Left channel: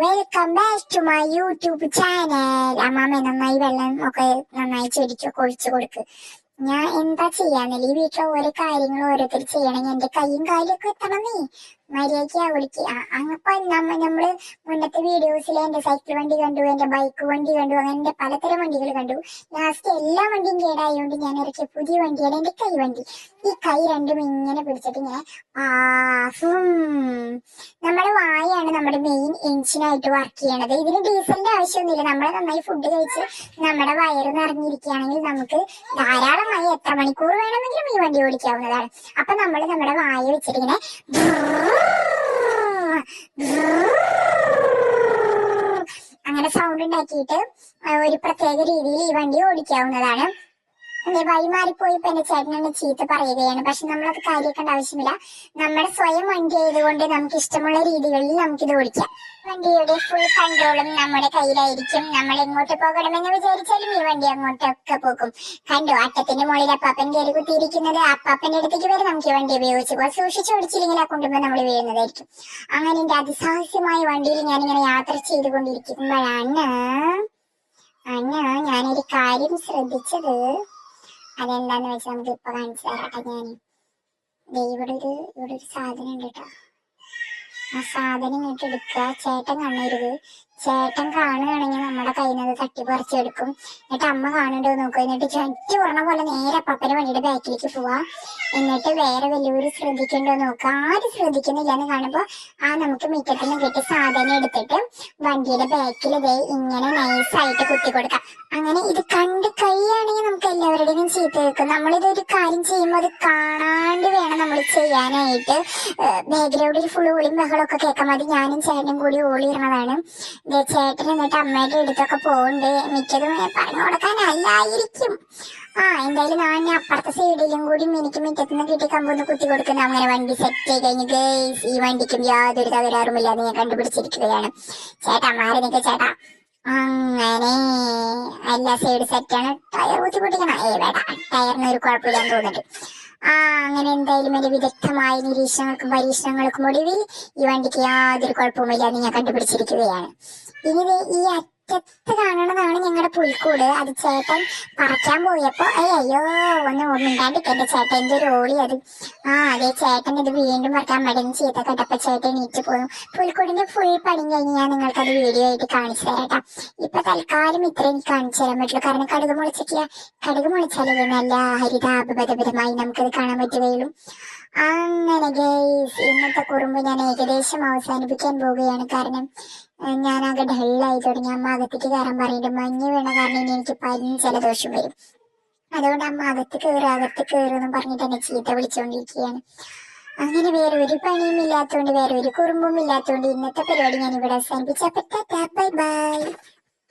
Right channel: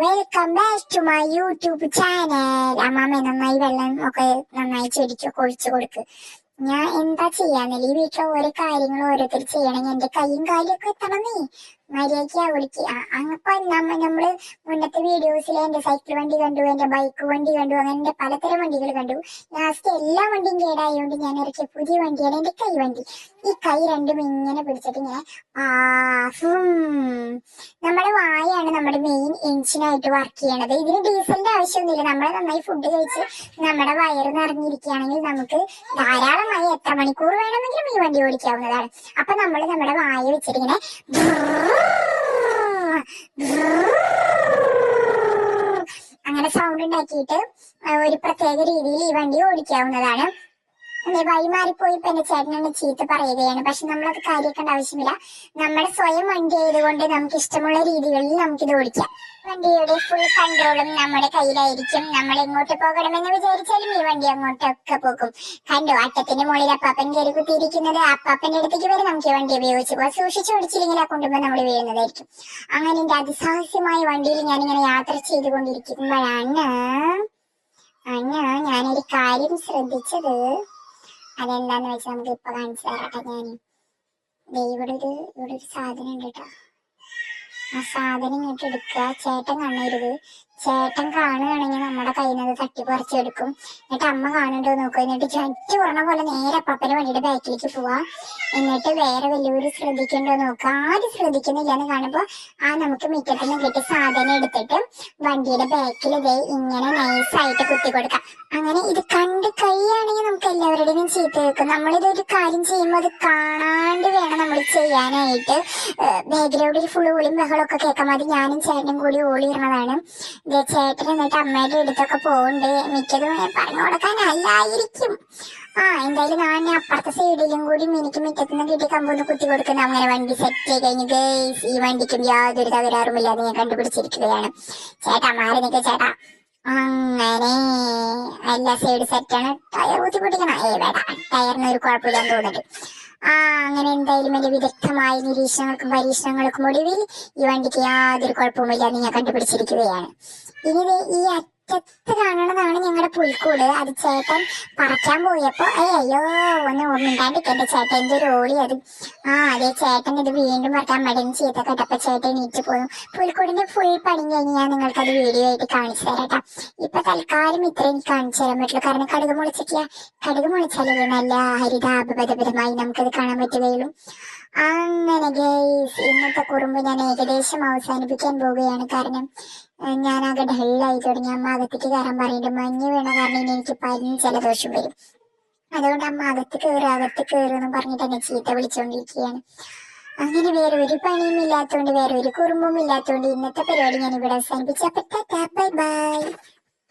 Welcome back to my YouTube channel അമ്മാമ നന്നായി വെള്ളം ഒക്കെ നന്നായി ചെടിക്കൊക്കെ ഒഴിച്ചു കൊടുക്ക്. ഞാൻ എന്താ ചെയ്യാന്നില്ല ഈ വീട്ടിലെ ഓരോ കാര്യങ്ങൾ ഓരോരുത്തർ ചെയ്യണമെങ്കിൽ എന്റെ കൈയും കാലും ഒക്കെ എത്തണമേ മര്യാദയ്ക്ക് വിളിച്ച് അങ്ങപ്പോ നമ്മ നമ്മൾ മുന്നത്തെ വീഡിയോസിൽ എന്റെ സൈക്കിൾ വണ്ടി കണ്ടു എന്റെ ബൈക്ക് വണ്ടി കണ്ടു അങ്ങനെ എന്റെ പലതരം വണ്ടികൾ കണ്ടു. ലാസ്റ്റ് എല്ലാ വണ്ടിയും കേടായതുകൊണ്ട് ഞാൻ ഇറക്കിയ പുതിയ വണ്ടിയാണ് എന്റെ കൈ വണ്ടി. ഈ കൈ രണ്ടും ഇങ്ങനെ പിടിച്ചിട്ട് ഞാൻ നമ്മുടെ വായാണ് നമ്മുടെ മെയിൻ എഞ്ചിനായിട്ട് വർക്ക് ചെയ്യണത്. ഇതിന് ഡീസലിന്റെ ആവശ്യമൊന്നുമില്ല. നമ്മൾ നന്നായി ഫുഡ് കഴിച്ച് നമ്മുടെ വയറ് നിറഞ്ഞിരിക്കുകയാണെങ്കിൽ നമുക്ക് ധാരാളമായി എത്ര മണിക്കൂർ വേണമെങ്കിലും ഈ വണ്ടി ഓടിക്കാവുന്നതാണ്. അപ്പൊ നമ്മൾ നമ്മുടെ വായ വെച്ചിട്ട് ഇങ്ങനെ അങ്ങനെ സൗണ്ട് ഉണ്ടാക്കിയിട്ട് ഒരു പ്രത്യേക രീതിയിൽ ഈ വണ്ടി ഓടിക്കാവുന്നതാണ്. അല്ലെ വഴി മാറിപ്പോയപ്പോ എന്റെ ചേട്ടൻ എന്നെ ചീത്ത പറയുകയാണ്. പക്ഷെ നമ്മളത് കാര്യക്കേണ്ട ആവശ്യമില്ല. നമ്മുടെ സ്വയം വണ്ടി ആയതുകൊണ്ട് നമുക്ക് ഇഷ്ടമുള്ള രീതികളിൽ നമുക്കിത് ഓടിക്കാം. വണ്ടിയുടെ ഫുൾ കൺട്രോളും നമ്മുടെ കയ്യിലായിരിക്കും. നമ്മൾ എങ്ങോട്ട് പോകണമെന്ന് വിചാരിച്ചാലും ഈ വണ്ടി അങ്ങോട്ടൊക്കെ പോകും. കണ്ടു അട്ടത്തിന്റെ മുകളിൽ അപ്പാപ്പൻ കയറി കുത്തിയിരിക്കുന്നത്. അപ്പാപ്പന്റെ അടുത്തേക്ക് വരെ നമുക്ക് ഈ വണ്ടി ഉപയോഗിച്ച് പോകാം. സൂക്ഷിച്ച് ഓടിച്ചില്ലെങ്കിൽ ആ നമ്മൾ വീഴുന്നതായിരിക്കും. അങ്ങനെ എന്റെ അതിസാഹസ്യമായ വണ്ടിയിൽ ഇങ്ങനെ യാത്ര ചെയ്തുകൊണ്ടിരിക്കുമ്പോഴാണ് അന്ന ഞാനൊരു കാര്യം ശ്രദ്ധിച്ചത്. അതെന്താന്ന് വെച്ചാൽ നമുക്ക് ഇപ്പൊ കാണിച്ചു തരാട്ടെ ഞാൻ ഇവിടെ ഒരു ഇവിടെ ഒരു സാധനം ഉണ്ട് കേട്ടോ. ആ സാധനം ഇങ്ങോട്ട് എടുക്കുക ചേട്ടൻ കാണരുത് ചേട്ടൻ കാണുകയാണെങ്കിൽ നമ്മുടെ കയ്യിൽ നിന്ന് തട്ടി പറിച്ചെടുക്കും. എന്നിട്ട് അമ്മ കാണണ്ടോ നോക്കും. എന്നിട്ട് ചട്ടി പറഞ്ഞ പോലെ നേരെ അപ്പപ്പന്റെ വണ്ടിയുടെ ബാക്കിലേക്ക് പോവാ. എന്നിട്ട് വേറെ വലിയവര് ശ്രദ്ധിക്കണ്ടോ നോക്കുക ആരും ശ്രദ്ധിക്കുന്നില്ല എന്ന് കാണുമ്പോ ആ നമുക്ക് മുറ്റത്ത് നിന്ന് കിട്ടിയ സാധനം എടുത്തിട്ട് വണ്ടിയുടെ ബാക്കിൽ ഇതേ ഇങ്ങനെ നൈസായിട്ട് കുത്തി കൊടുക്കാം. അങ്ങനെ ഇത് കണ്ട് കഴിയുകയാണെങ്കിൽ നമുക്ക് എല്ലാവരുടെയും ചീത്ത കേൾക്കും. നമ്മളിത് ഒരു കാര്യം ചെയ്യുമ്പോൾ അത് കാണാണ്ട് വേണം നമ്മൾ ചെയ്യാനായിട്ട്. ബാഗിലൂടെ ഒരു ഫുൾ ഓളിയും ബഹളമൊക്കെ കേൾക്കാം അത് ഞാനും ചേട്ടനും കൂടി ഓളിയിരുന്നതാണ് ചേട്ടൻ എന്നിട്ട് അമ്മയുടെ അടുത്തൊക്കെ പോകുന്നുണ്ട് മിക്കതും പറഞ്ഞു കൊടുക്കാനല്ലായിരിക്കും ആ എന്തായാലും ഞാൻ അപ്പുറത്തെ സൈഡിലും കൂടി എനിക്ക് മുറ്റത്ത് നിന്ന് കിട്ടി കമ്പൊന്ന് കുത്തി കൊടുക്കുന്ന അങ്ങനെ വണ്ടി സെറ്റ് ചെയ്ത് കഴിഞ്ഞിട്ട് ഈ വണ്ടിക്കും യാതൊരു തകരാറുമില്ല നീ കണ്ടുപിടിച്ചിരിക്കുകയാണ്. ചേട്ടാ മാറി ചേട്ടാ. അങ്ങനെ എല്ലാ സൈഡ് സെറ്റാണ് ടയർ കുത്തി പൊട്ടിക്കണം ഏ തോന്നുന്നുണ്ട് ആ അങ്ങനെ എന്തായാലും എന്റെ വിദഗ്ധമായ നിരീക്ഷണങ്ങൾക്കും പരീക്ഷണങ്ങൾക്കും ഒടുവിൽ ഈ വണ്ടിക്ക് യാതൊരു കുഴപ്പമില്ല ഞാൻ കണ്ടുപിടിച്ചിരിക്കുകയാണ്. ഇനി ഈ അറ്റത്ത് കാണണതാണ് ഞങ്ങളുടെ പുൽക്കൂട്. അത് ചേട്ടൻ പറക്കാൻ പോയപ്പോ ഏ അയ്യോ ഒന്ന് ഓർമ്മിണ്ടാണ്ടിട്ട് എന്റെ ചേട്ടന്റെ ഒരു ഓളി അത്. ആ അതെ ചേട്ടൻ ഇത് വീണ്ടും പറക്കാൻ മടങ്ങി ചെയ്ത കേട്ടപ്പോ ചേട്ടൻ നീറ്റ് പോകും പുൽക്കൂടിന്റെ ഫുൾ പണി കഴിഞ്ഞ് ഞാൻ നിങ്ങൾക്ക് അത് വീഡിയോ ആയിട്ട് കാണിച്ചു തരാം ഇപ്പൊ തൽക്കാലം ഇത്ര എനിക്ക് കാണിച്ചു തരാൻ പറ്റുള്ളൂ. കാരണം കടുക് മുളച്ചിട്ടില്ല. കടുക് മുളച്ചാലേ നല്ല ഹരിതാപകരപരമായി നമുക്കത് കാണാൻ പറ്റുകയുള്ളൂ. അങ്ങനെ ഗൈസ് ഇന്നത്തെ കുറുമ്പ് ഞാൻ ഏകദേശം അവസാനിപ്പിക്കാൻ പോവുകയാണ്. കാരണം ഞാനാകെ ഡല്ലായി തുടങ്ങി അമ്മ അകത്തേക്ക് കയറാൻ പറഞ്ഞിട്ട് മഞ്ഞ് വീണ കാരണം ഇനി എനിക്ക് പനി ജലദോഷം വരും. അതുകൊണ്ട് അമ്മ അകത്ത് കയറും അകത്ത് കയറുമെന്ന് പറഞ്ഞിട്ട് എന്നെ ചീത്ത വിളിച്ചുകൊണ്ടിരിക്കുകയാണ് അങ്ങനെ വേറെ ഒരു പണിയും ഇല്ലാത്തതുകൊണ്ട് വേറെ ഒരു കുറുമ്പും ഇല്ലാത്തതുകൊണ്ട് ഇന്നത്തെ പരിപാടി ഞാൻ ഇവിടെ അവസാനിപ്പിച്ചപ്പോ ബൈ ബൈ.